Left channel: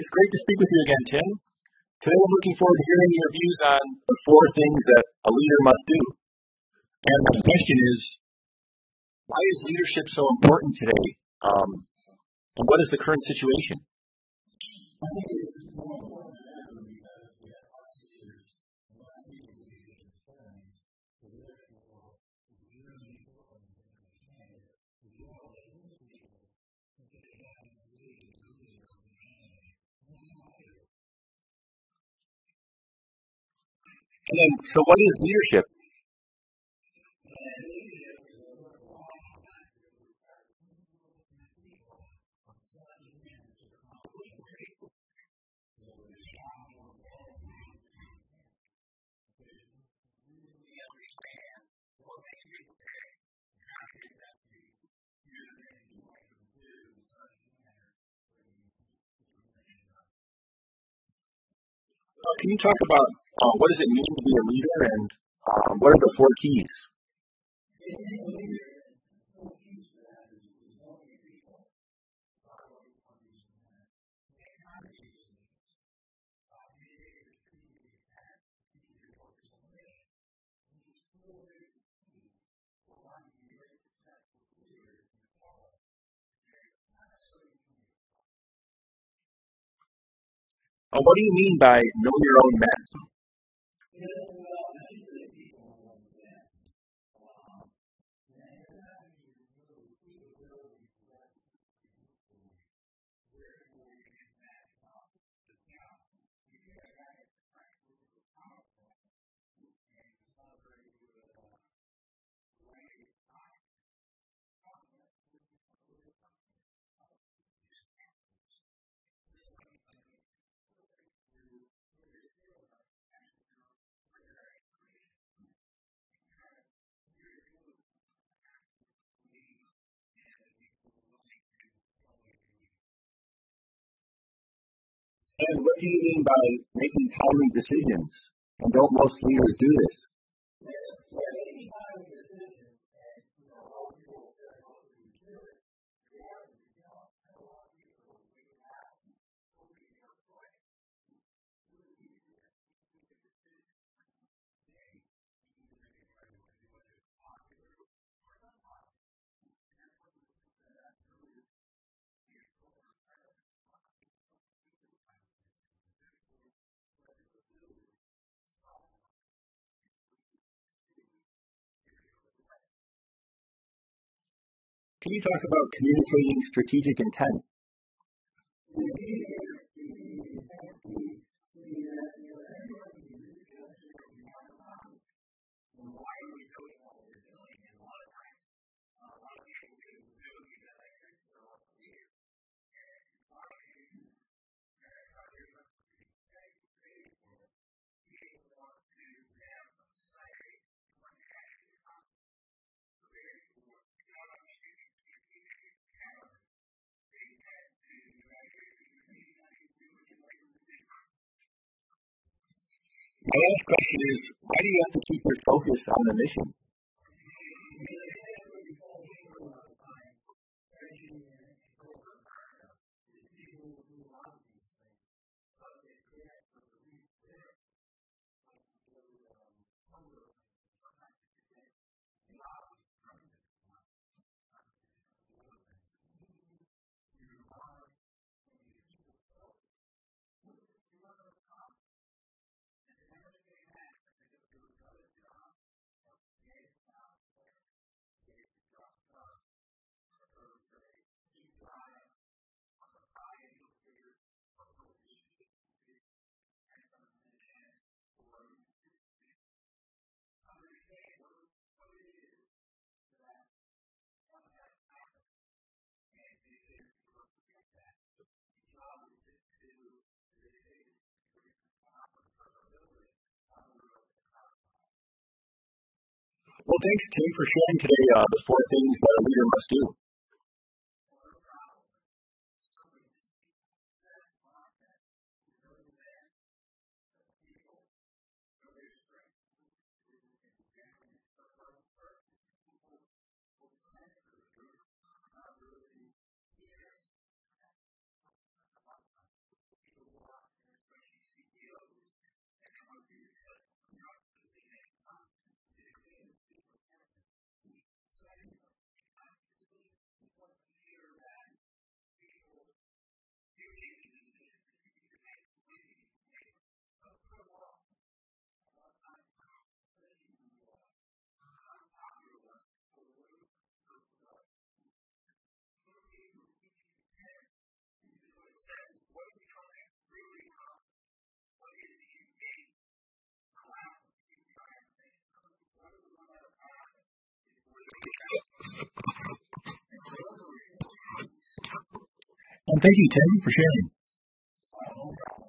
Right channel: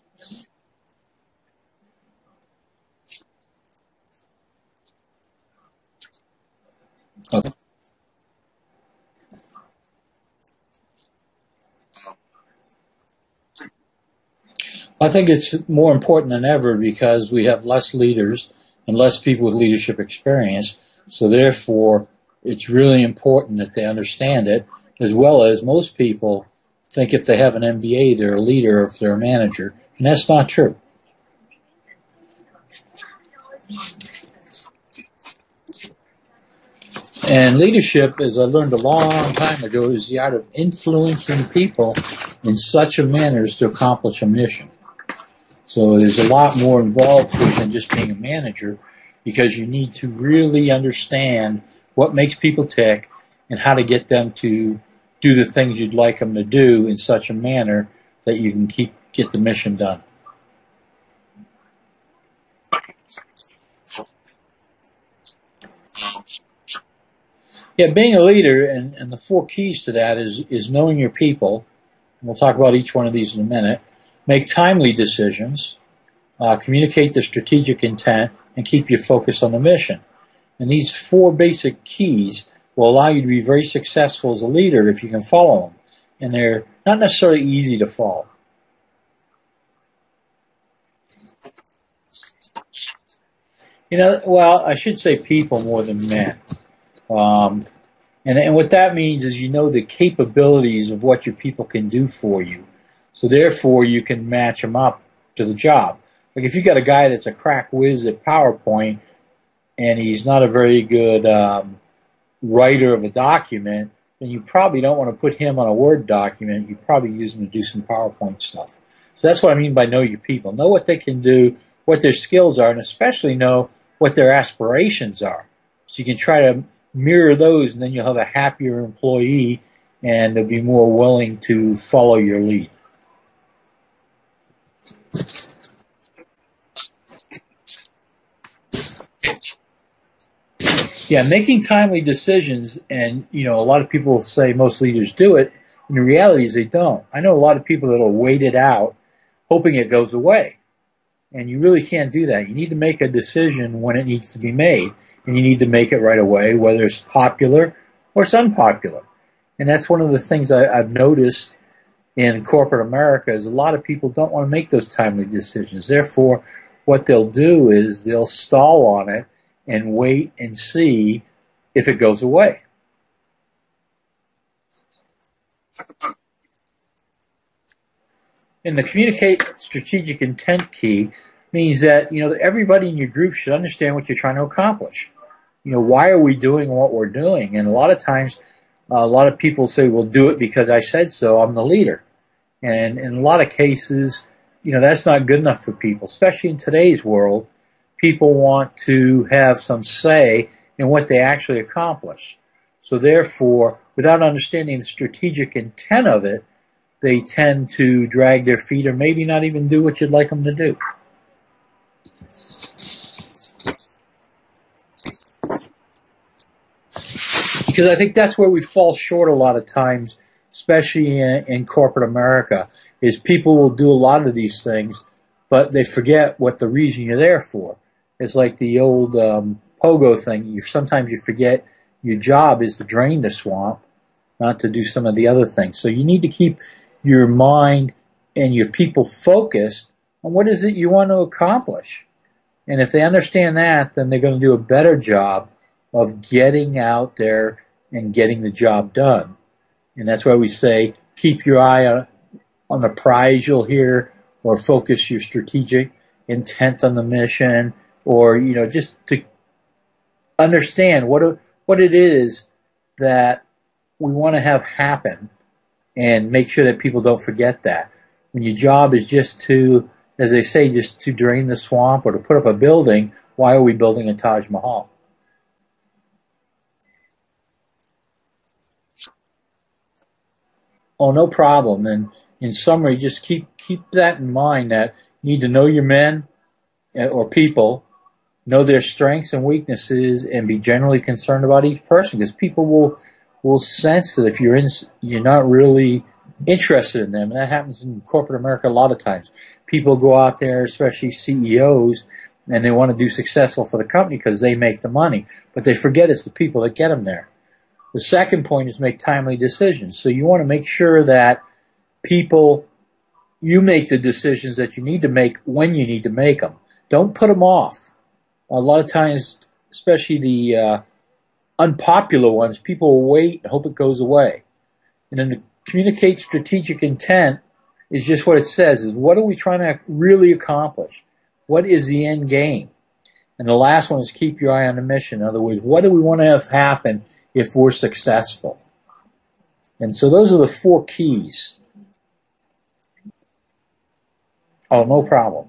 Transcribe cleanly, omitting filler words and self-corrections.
It's great to speak with you again, Tim. Today I'm looking forward to hearing your views on the 4 things that a leader must do. And the question is, why is leadership so important today? And what is the current situation? I think it's more important than ever because we have less leaders and less people with leadership experience. So therefore, it's really important that they understand it, as well as most people think if they have an M.B.A., they're a leader or if they're a manager. And that's not true. And then, so what is leadership? And leadership, as I learned a long time ago, is the art of influencing people in such a manner as to accomplish a mission. So there's a lot more involved to it than just being a manager, because you need to really understand what makes people tick and how to get them to do the things you'd like them to do in such a manner that you can get the mission done. Can you talk about what does it mean to be a leader and what are the 4 keys? Yeah, being a leader, and the 4 keys to that is knowing your people. We'll talk about each one of these in a minute. Make timely decisions, communicate the strategic intent, and keep your focus on the mission. And these 4 basic keys will allow you to be very successful as a leader if you can follow them. And they're not necessarily easy to follow. What do you mean by know your own men? Well, I should say people more than men. And what that means is you know the capabilities of what your people can do for you. So therefore, you can match them up to the job. Like if you got a guy that's a crack whiz at PowerPoint and he's not a very good writer of a document, then you probably don't want to put him on a Word document. You probably use him to do some PowerPoint stuff. So that's what I mean by know your people. Know what they can do, what their skills are, and especially know what their aspirations are. So you can try to mirror those, and then you'll have a happier employee, and they'll be more willing to follow your lead. And what do you mean by making timely decisions? And don't most leaders do this? Yeah, making timely decisions, and a lot of people say most leaders do it, and the reality is they don't. I know a lot of people that will wait it out, hoping it goes away. And you really can't do that. You need to make a decision when it needs to be made, and you need to make it right away, whether it's popular or it's unpopular. And that's one of the things I've noticed in corporate America is a lot of people don't want to make those timely decisions. Therefore, what they'll do is they'll stall on it and wait and see if it goes away. Can you talk about communicating strategic intent? And the communicate strategic intent key means that, everybody in your group should understand what you're trying to accomplish. Why are we doing what we're doing? And a lot of times, a lot of people say, well, do it because I said so, I'm the leader. And in a lot of cases, that's not good enough for people, especially in today's world. People want to have some say in what they actually accomplish. So therefore, without understanding the strategic intent of it, they tend to drag their feet or maybe not even do what you'd like them to do. My last question is, why do you have to keep your focus on the mission? Because I think that's where we fall short a lot of times, especially in corporate America, is people will do a lot of these things, but they forget what the reason you're there for. It's like the old pogo thing. Sometimes you forget your job is to drain the swamp, not to do some of the other things. So you need to keep your mind and your people focused on what is it you want to accomplish. And if they understand that, then they're going to do a better job of getting out there and getting the job done. And that's why we say keep your eye on the prize you'll hear, or focus your strategic intent on the mission, or just to understand what it is that we want to have happen, and make sure that people don't forget that. When your job is just to, as they say, just to drain the swamp or to put up a building, why are we building a Taj Mahal? Well, thank you, Tim, for sharing today the 4 things that a leader must do. Oh, no problem. And in summary, just keep that in mind, that you need to know your men or people, know their strengths and weaknesses, and be generally concerned about each person, because people will sense that if you're not really interested in them. And that happens in corporate America a lot of times. people go out there, especially CEOs, and they want to do successful for the company because they make the money. But they forget it's the people that get them there. The second point is make timely decisions. So you want to make sure that you make the decisions that you need to make when you need to make them. Don't put them off. A lot of times, especially the unpopular ones, people will wait and hope it goes away. And then to communicate strategic intent is just what it says, is what are we trying to really accomplish? What is the end game? And the last one is keep your eye on the mission. In other words, what do we want to have happen if we're successful? And so those are the 4 keys. Well, thank you, Tim, for sharing. Oh, no problem.